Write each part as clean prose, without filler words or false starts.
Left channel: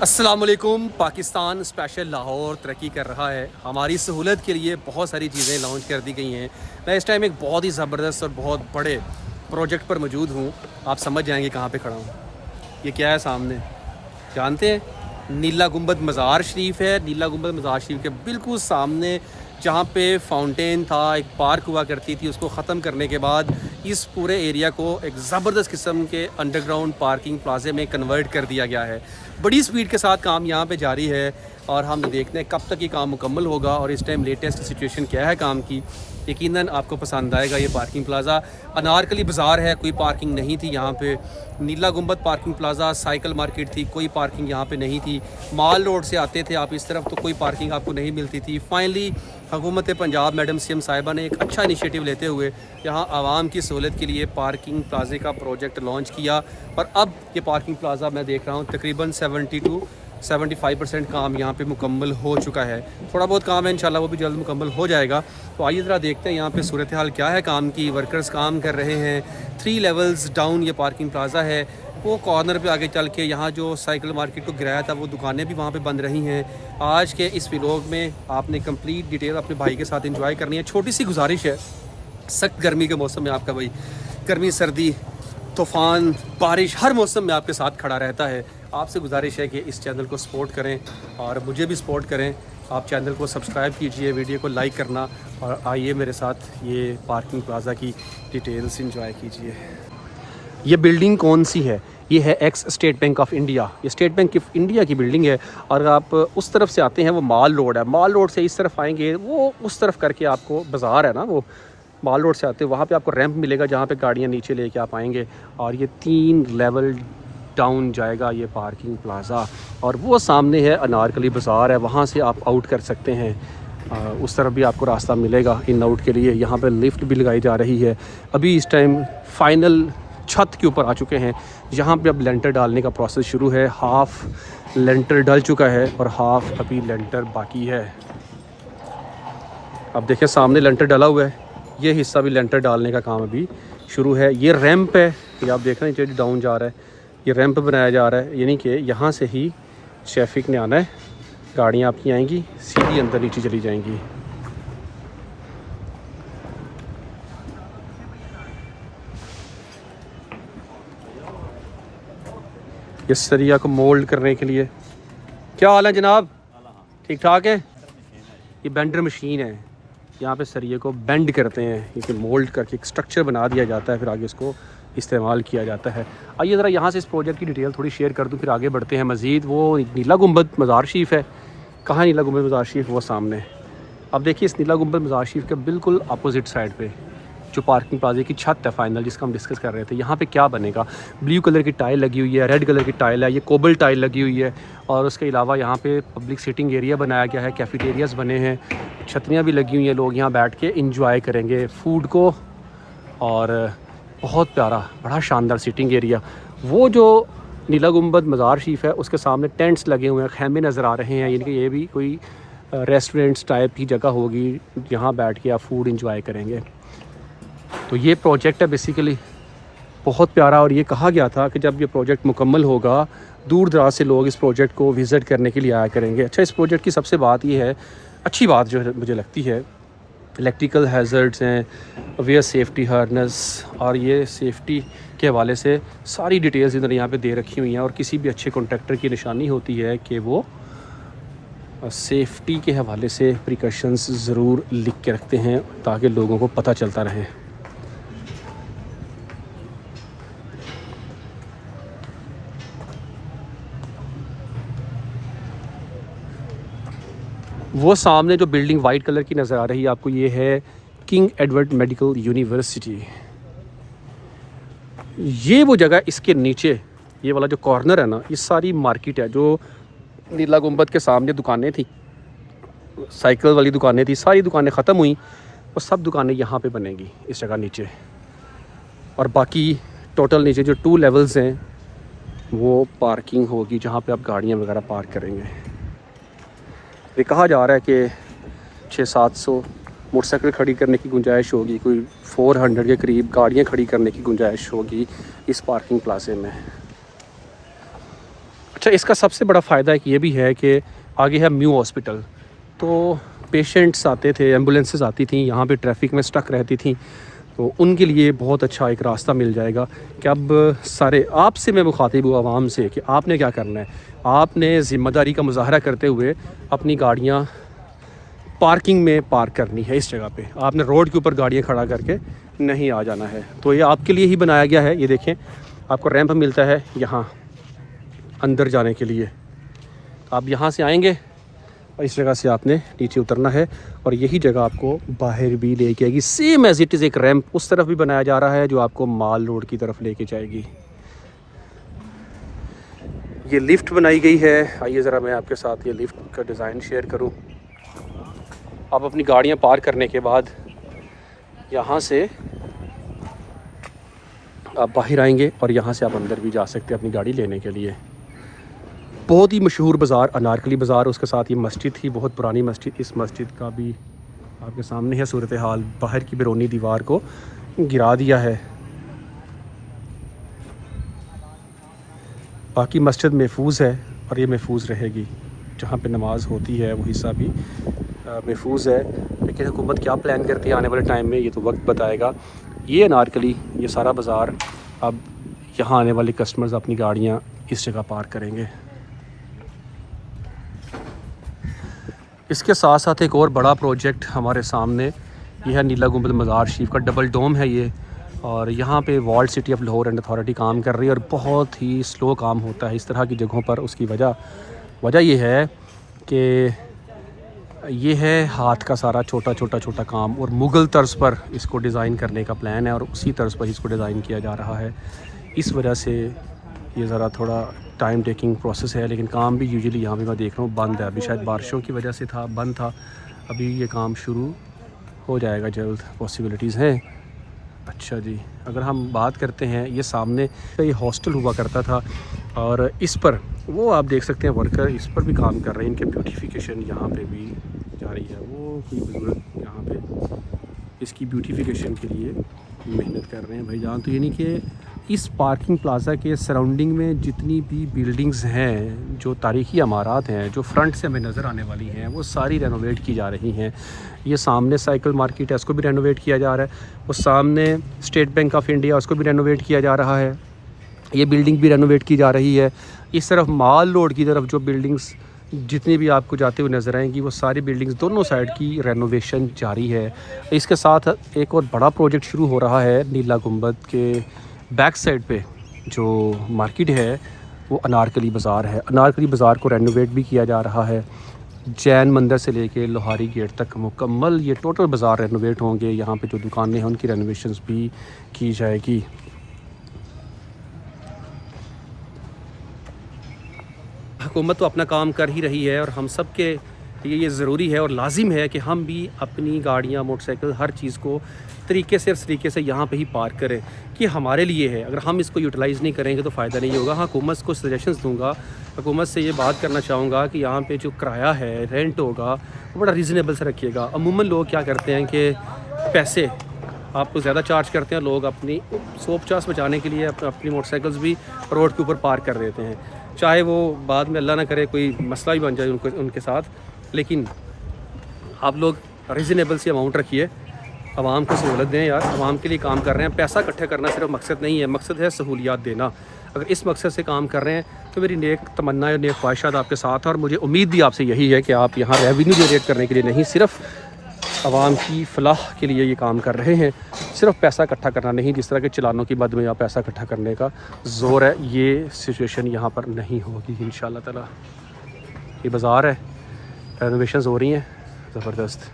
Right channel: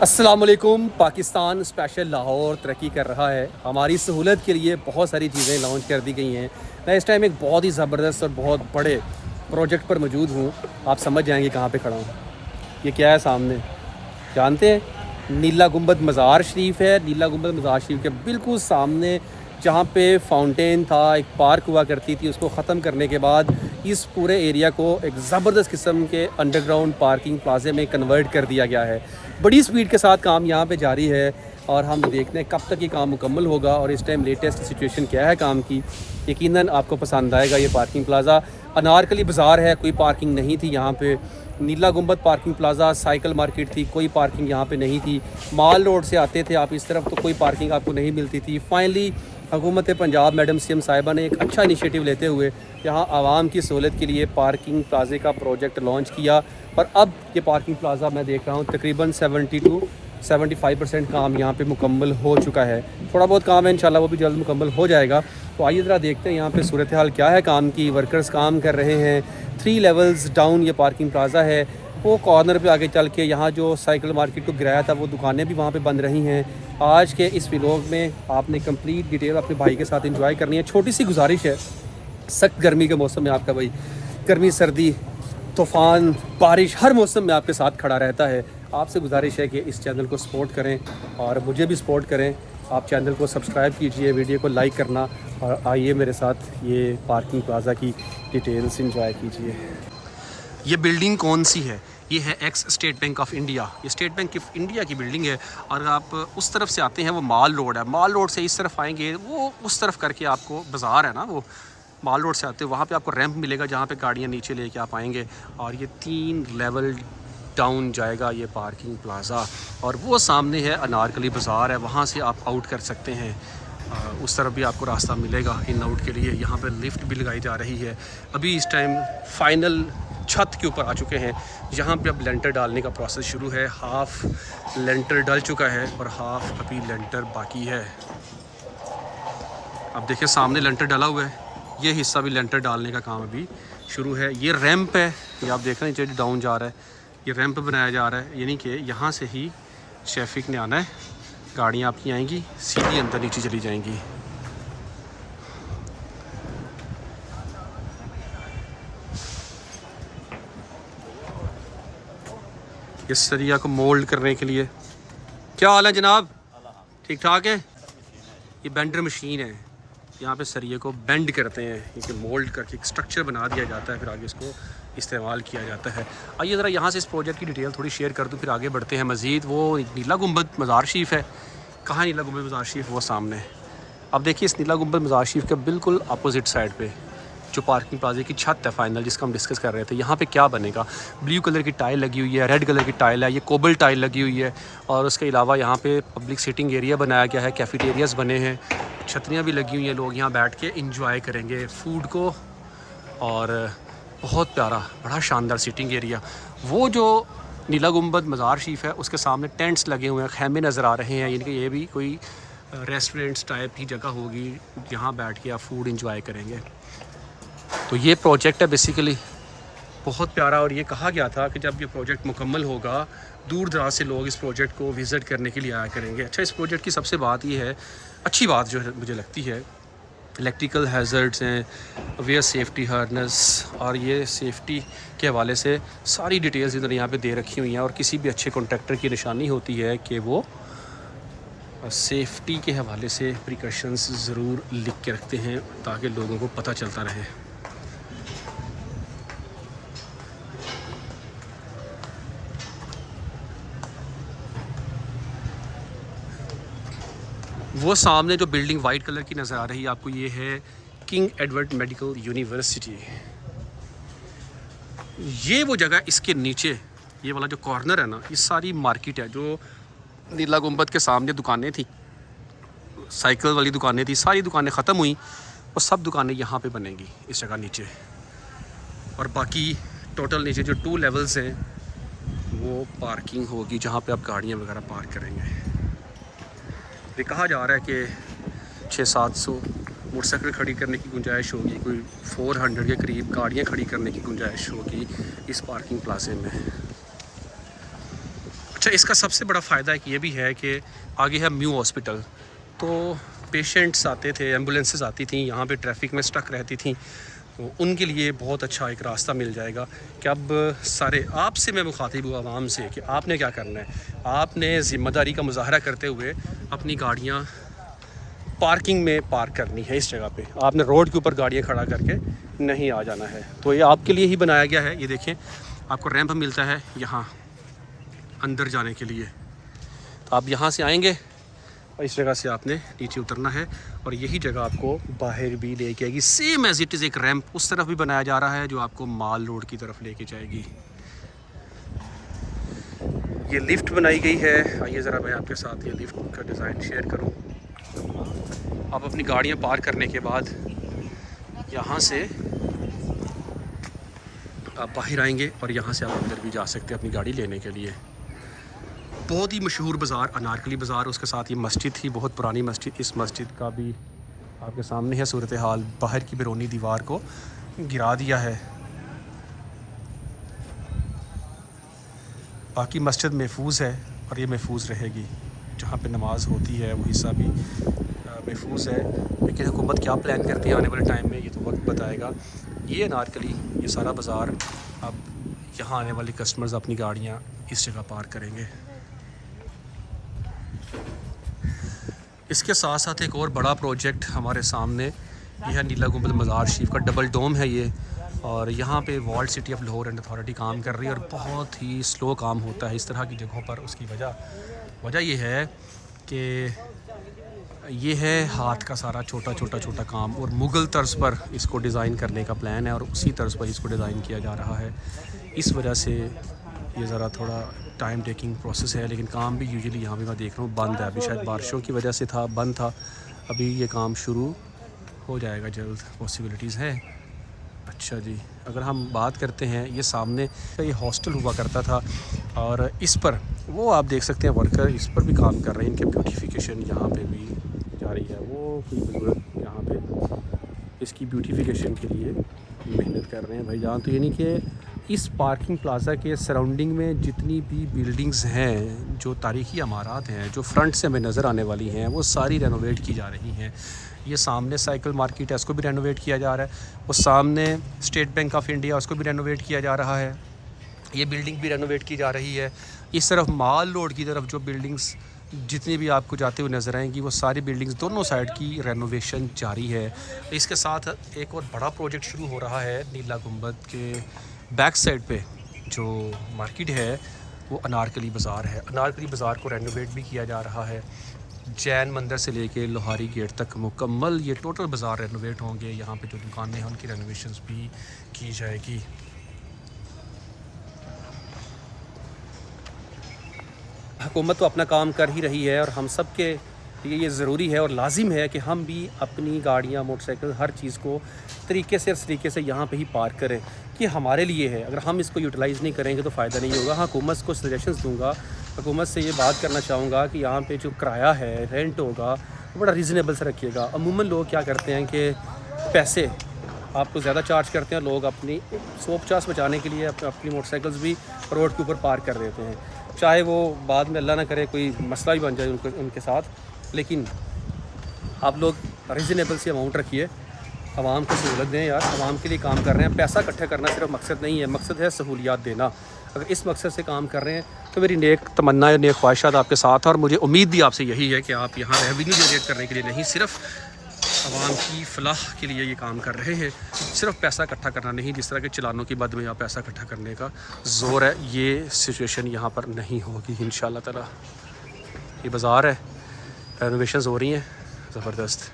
अस्सलाम वालेकुम। पाकिस्तान स्पेशल लाहौर तरक्की कर रहा है। हमारी सहूलत के लिए बहुत सारी चीज़ें लॉन्च कर दी गई हैं। मैं इस टाइम एक बहुत ही ज़बरदस्त और बहुत बड़े प्रोजेक्ट पर मौजूद हूँ। आप समझ जाएंगे कहाँ पे खड़ा हूँ। ये क्या है सामने, जानते हैं? नीला गुंबद मज़ार शरीफ है। नीला गुंबद मज़ार शरीफ के बिल्कुल सामने जहाँ पे फाउंटेन था, एक पार्क हुआ करती थी, उसको ख़त्म करने के बाद इस पूरे एरिया को एक ज़बरदस्त किस्म के अंडरग्राउंड पार्किंग प्लाजे में कन्वर्ट कर दिया गया है। बड़ी स्पीड के साथ काम यहाँ पे जारी है और हम देखते हैं कब तक ये काम मुकम्मल होगा और इस टाइम लेटेस्ट सिचुएशन क्या है काम की। यकीनन आपको पसंद आएगा ये पार्किंग प्लाज़ा। अनारकली बाज़ार है, कोई पार्किंग नहीं थी यहाँ पे। नीला गुंबद पार्किंग प्लाज़ा, साइकिल मार्केट थी, कोई पार्किंग यहाँ पे नहीं थी। माल रोड से आते थे आप इस तरफ तो कोई पार्किंग आपको नहीं मिलती थी। फाइनली हुकूमत पंजाब मैडम सीएम साहिबा ने एक अच्छा इनिशिएटिव लेते हुए यहाँ आवाम की सहूलत के लिए पार्किंग प्लाजे का प्रोजेक्ट लॉन्च किया और अब ये पार्किंग प्लाज़ा मैं देख रहा हूँ तकरीबन 75% काम यहाँ पे मुकम्मल हो चुका है। थोड़ा बहुत काम है, इंशाल्लाह वो भी जल्द मुकम्मल हो जाएगा। तो आइए ज़रा देखते हैं यहाँ पे सूरत हाल क्या है काम की। वर्कर्स काम कर रहे हैं। 3 लेवल्स डाउन ये पार्किंग प्लाज़ा है। वो कॉर्नर पे आगे चल के यहाँ जो साइकिल मार्केट को गिराया था वो दुकानें भी वहाँ पे बंद रही हैं। आज के इस व्लॉग में आपने कंप्लीट डिटेल अपने भाई के साथ एंजॉय करनी है। छोटी सी गुजारिश है, सख्त गर्मी के मौसम में आपका भाई गर्मी सर्दी तूफ़ान बारिश हर मौसम में आपके साथ खड़ा रहता है। आपसे गुजारिश है कि इस चैनल को सपोर्ट करें और मुझे भी सपोर्ट करें। आप चैनल को सब्सक्राइब कीजिए, वीडियो को लाइक करना और आइए मेरे साथ ये पार्किंग प्लाज़ा की डिटेल्स एंजॉय कीजिए। ये बिल्डिंग कौन सी है? ये है x state bank of India. ये स्टेट बैंक ऑफ इंडिया की बिल्डिंग है और आप उस तरफ से आते हैं, वो माल रोड है। माल रोड से इस तरफ आएंगे, वो उस तरफ करके आपको बाज़ार है ना, वो माल रोड से आते हैं, वहाँ पे आपको रैंप मिलेगा जहाँ पे गाड़ियाँ नीचे लेके आप आएंगे और ये 3 लेवल डाउन जाएगा ये पार्किंग प्लाज़ा। और वो सामने है अनारकली बाज़ार है, वहाँ से आप आउट कर सकते हैं। उस तरफ भी आपको रास्ता मिलेगा इन आउट के लिए। यहाँ पे लिफ्ट भी लगाई जा रही है। अभी इस टाइम फाइनल छत के ऊपर आ चुके हैं। यहाँ पे अब लेंटर डालने का प्रोसेस शुरू है। हाफ लेंटर डल चुका है और हाफ अभी लेंटर बाकी है। अब देखें सामने लेंटर डला हुआ है, ये हिस्सा भी लेंटर डालने का काम अभी शुरू है। ये रैंप है, ये आप देख रहे हैं नीचे डाउन जा रहा है। ये रैंप बनाया जा रहा है, यानी कि यहाँ से ही ट्रैफिक ने आना है, गाड़ियाँ आपकी आएंगी सीधी अंदर नीचे चली जाएंगी। इस सरिया को मोल्ड करने के लिए। क्या हाल है जनाब? ठीक ठाक है। ये बेंडर मशीन है, यहाँ पे सरिये को बेंड करते हैं, इसे मोल्ड करके एक स्ट्रक्चर बना दिया जाता है, फिर आगे इसको इस्तेमाल किया जाता है। आइए ज़रा यहाँ से इस प्रोजेक्ट की डिटेल थोड़ी शेयर कर दूँ, फिर आगे बढ़ते हैं मज़ीद। वो नीला गुंबद मज़ार शरीफ है। कहाँ नीला गुंबद मज़ार शरीफ? वो सामने। अब देखिए इस नीला गुंबद मज़ार शरीफ के बिल्कुल अपोजिट साइड पे जो पार्किंग प्लाजे की छत है फाइनल, जिसका हम डिस्कस कर रहे थे, यहाँ पे क्या बनेगा। ब्लू कलर की टाइल लगी हुई है, रेड कलर की टाइल है, ये कोबल टाइल लगी हुई है और उसके अलावा यहाँ पे पब्लिक सिटिंग एरिया बनाया गया है, कैफेटेरियाज़ बने हैं, छतरियाँ भी लगी हुई हैं। लोग यहाँ बैठ के इंजॉय करेंगे फूड को और बहुत प्यारा बड़ा शानदार सिटिंग एरिया। वो जो नीला गुंबद मज़ार शरीफ है उसके सामने टेंट्स लगे हुए हैं, खैमे नज़र आ रहे हैं, यानी कि ये भी कोई रेस्टोरेंट्स टाइप की जगह होगी, यहाँ बैठ के आप फूड इंजॉय करेंगे। तो ये प्रोजेक्ट है बेसिकली बहुत प्यारा और ये कहा गया था कि जब ये प्रोजेक्ट मुकम्मल होगा दूर दराज से लोग इस प्रोजेक्ट को विज़िट करने के लिए आया करेंगे। अच्छा, इस प्रोजेक्ट की सबसे बात ये है, अच्छी बात जो है मुझे लगती है, इलेक्ट्रिकल हैज़र्ड्स हैं, वेयर सेफ्टी हार्नेस और ये सेफ्टी के हवाले से सारी डिटेल्स इधर यहाँ पे दे रखी हुई हैं। और किसी भी अच्छे कॉन्ट्रैक्टर की निशानी होती है कि वो सेफ्टी के हवाले से प्रिकॉशंस ज़रूर लिख के रखते हैं ताकि लोगों को पता चलता रहे। वो सामने जो बिल्डिंग वाइट कलर की नज़र आ रही है आपको, ये है किंग एडवर्ड मेडिकल यूनिवर्सिटी। ये वो जगह, इसके नीचे ये वाला जो कॉर्नर है ना, ये सारी मार्केट है। जो नीला गुंबद के सामने दुकानें थी, साइकिल वाली दुकानें थी, सारी दुकानें ख़त्म हुई, वो सब दुकानें यहाँ पे बनेंगी इस जगह नीचे। और बाकी टोटल नीचे जो 2 लेवल्स हैं वो पार्किंग होगी जहाँ पे आप गाड़ियाँ वगैरह पार्क करेंगे। ये कहा जा रहा है कि 600-700 मोटरसाइकिल खड़ी करने की गुंजाइश होगी, कोई 400 के करीब गाड़ियाँ खड़ी करने की गुंजाइश होगी इस पार्किंग प्लाजे में। अच्छा, इसका सबसे बड़ा फ़ायदा एक ये भी है कि आगे है म्यू हॉस्पिटल, तो पेशेंट्स आते थे, एम्बुलेंसेस आती थी, यहाँ पे ट्रैफिक में स्टक रहती थी, तो उनके लिए बहुत अच्छा एक रास्ता मिल जाएगा कि अब सारे आपसे मैं मुखातिब हूँ आवाम से कि आपने क्या करना है। आपने ज़िम्मेदारी का मुजाहरा करते हुए अपनी गाड़ियाँ पार्किंग में पार्क करनी है। इस जगह पे आपने रोड के ऊपर गाड़ियाँ खड़ा करके नहीं आ जाना है, तो ये आपके लिए ही बनाया गया है। ये देखें, आपको रैंप मिलता है यहाँ अंदर जाने के लिए, तो आप यहाँ से आएंगे, इस जगह से आपने नीचे उतरना है और यही जगह आपको बाहर भी लेके आएगी। सेम एज इट इज़ एक रैंप उस तरफ भी बनाया जा रहा है जो आपको माल रोड की तरफ लेके जाएगी। ये लिफ्ट बनाई गई है। आइए ज़रा मैं आपके साथ ये लिफ्ट का डिज़ाइन शेयर करूँ। आप अपनी गाड़ियाँ पार्क करने के बाद यहाँ से आप बाहर आएंगे और यहाँ से आप अंदर भी जा सकते हैं अपनी गाड़ी लेने के लिए। बहुत ही मशहूर बाज़ार अनारकली बाज़ार, उसके साथ ये मस्जिद थी, बहुत पुरानी मस्जिद। इस मस्जिद का भी आपके सामने है सूरत हाल। बाहर की बैरूनी दीवार को गिरा दिया है, बाकी मस्जिद महफूज है और ये महफूज रहेगी। जहाँ पे नमाज होती है वो हिस्सा भी महफूज है। लेकिन हुकूमत क्या प्लान करती है आने वाले टाइम में, ये तो वक्त बताएगा। ये अनारकली, ये सारा बाज़ार, अब यहाँ आने वाले कस्टमर्स अपनी गाड़ियाँ इस जगह पार्क करेंगे। इसके साथ साथ एक और बड़ा प्रोजेक्ट हमारे सामने, ये है नीला गुंबद मज़ार शरीफ का डबल डोम है ये, और यहाँ पे world city of Lahore and authority काम कर रही है और बहुत ही स्लो काम होता है इस तरह की जगहों पर। उसकी वजह ये है कि ये है हाथ का सारा छोटा काम, और मुग़ल तर्ज पर इसको डिज़ाइन करने का प्लान है और उसी तर्ज पर इसको डिज़ाइन किया जा रहा है। इस वजह से ये ज़रा थोड़ा टाइम टेकिंग प्रोसेस है, लेकिन काम भी यूजुअली यहाँ पे मैं देख रहा हूँ बंद है अभी, शायद बारिशों की वजह से था, बंद था। अभी ये काम शुरू हो जाएगा जल्द, पॉसिबिलिटीज़ हैं। अच्छा जी, अगर हम बात करते हैं, ये सामने ये हॉस्टल हुआ करता था और इस पर वो आप देख सकते हैं वर्कर इस पर भी काम कर रहे हैं। इनके ब्यूटिफिकेशन यहाँ पे भी जा रही है, वो कोई बुजुर्ग यहाँ पे इसकी ब्यूटिफिकेशन के लिए मेहनत कर रहे हैं भाईजान। तो यानी कि इस पार्किंग प्लाज़ा के सराउंडिंग में जितनी भी बिल्डिंग्स हैं, जो तारीख़ी इमारत हैं, जो फ्रंट से हमें नज़र आने वाली हैं, वो सारी रेनोवेट की जा रही हैं। ये सामने साइकिल मार्केट है, उसको भी रेनोवेट किया जा रहा है। वो सामने स्टेट बैंक ऑफ इंडिया, उसको भी रेनोवेट किया जा रहा है। ये बिल्डिंग भी रेनोवेट की जा रही है। इस तरफ माल रोड की तरफ जो बिल्डिंग्स जितनी भी आपको जाते हुए नज़र आएंगी, वो सारी बिल्डिंग्स दोनों साइड की रेनोवेशन जारी है। इसके साथ एक और बड़ा प्रोजेक्ट शुरू हो रहा है नीला गुंबद के बैक साइड पे जो मार्केट है, वो अनारकली बाज़ार है। अनारकली बाज़ार को रेनोवेट भी किया जा रहा है। जैन मंदिर से लेके लोहारी गेट तक मुकम्मल ये टोटल बाज़ार रेनोवेट होंगे। यहाँ पे जो दुकानें हैं उनकी रेनोवेशंस भी की जाएगी। हुकूमत तो अपना काम कर ही रही है और हम सब के लिए ये ज़रूरी है और लाजिम है कि हम भी अपनी गाड़ियाँ, मोटरसाइकिल, हर चीज़ को तरीके से यहाँ पे ही पार्क करें, कि हमारे लिए है। अगर हम इसको यूटिलाइज़ नहीं करेंगे तो फ़ायदा नहीं होगा। हाँ, हुकूमत को सजेशंस दूंगा, हुकूमत से ये बात करना चाहूँगा कि यहाँ पे जो किराया है, रेंट होगा, वो बड़ा रीज़नेबल से रखिएगा। अमूमन लोग क्या करते हैं कि पैसे आपको ज़्यादा चार्ज करते हैं, लोग अपनी 150 बचाने के लिए अपनी मोटरसाइकिल्स भी रोड के ऊपर पार्क कर देते हैं, चाहे वो बाद में अल्लाह ना करे कोई मसला भी बन जाए उनके साथ। लेकिन आप लोग रीज़नेबल सी अमाउंट रखिए, आवाम को सहूलत दें यार। आवाम के लिए काम कर रहे हैं, पैसा इकट्ठा करना सिर्फ मकसद नहीं है, मकसद है सहूलियात देना। अगर इस मकसद से काम कर रहे हैं तो मेरी नेक तमन्ना, नेक ख्वाहिशात आपके साथ है और मुझे उम्मीद भी आपसे यही है कि आप यहाँ रेवेन्यू जनरेट करने के लिए नहीं, सिर्फ आवाम की फलाह के लिए ये काम कर रहे हैं। सिर्फ पैसा इकट्ठा करना नहीं, जिस तरह के चलानों की मद में या पैसा इकट्ठा करने का ज़ोर है, ये सिचुएशन यहाँ पर नहीं होगी इंशाअल्लाह ताला। ये बाज़ार है, रेनोवेशंस हो रही हैं ज़बरदस्त।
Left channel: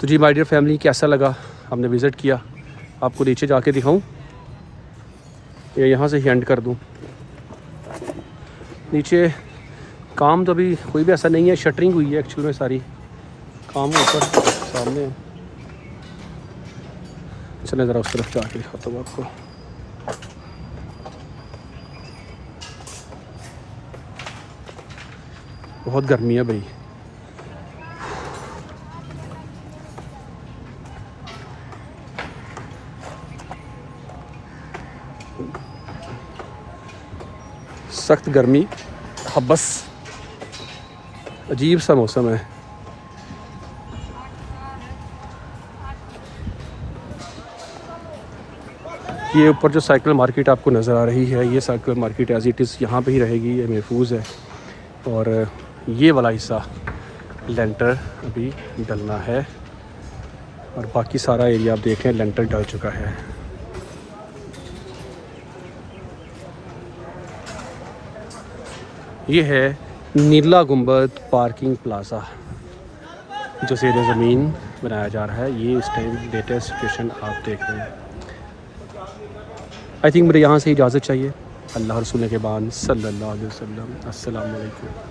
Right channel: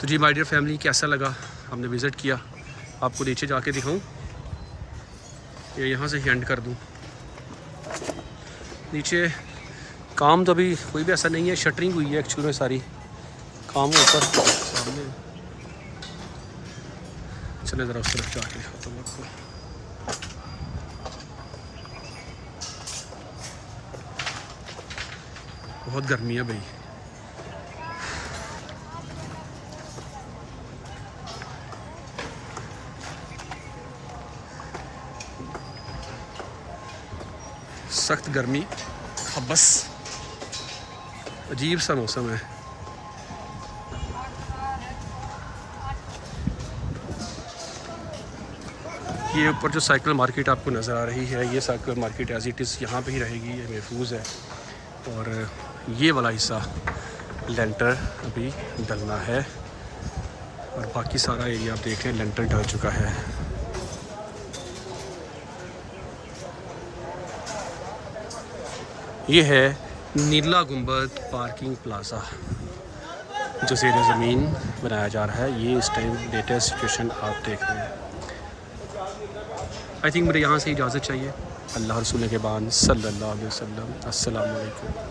तो जी माय डियर फैमिली, कैसा लगा, हमने विज़िट किया, आपको नीचे जाके दिखाऊं, ये यहाँ से ही एंड कर दूं। नीचे काम तो अभी कोई भी ऐसा नहीं है, शटरिंग हुई है एक्चुअल में सारी, काम ऊपर सामने। चले ज़रा उस तरफ जाके दिखाता हूँ आपको। बहुत गर्मी है भाई। सख्त गर्मी, हबस, अजीब सा मौसम है। ये ऊपर जो साइकिल मार्केट आपको नज़र आ रही है, ये cycle market as it is यहाँ पे ही रहेगी, ये महफूज है। और ये वाला हिस्सा लेंटर अभी डलना है और बाकी सारा एरिया आप देख रहे हैं लेंटर डल चुका है। ये है नीला गुंबद पार्किंग प्लाज़ा जो ज़ेर ज़मीन बनाया जा रहा है। ये इस टाइम लेटेस्ट सिचुएशन आप देख रहे हैं। आई थिंक मुझे यहाँ से इजाज़त चाहिए। अल्लाह रसूल के बाद सल्लल्लाहु अलैहि वसल्लम। अस्सलाम वालेकुम।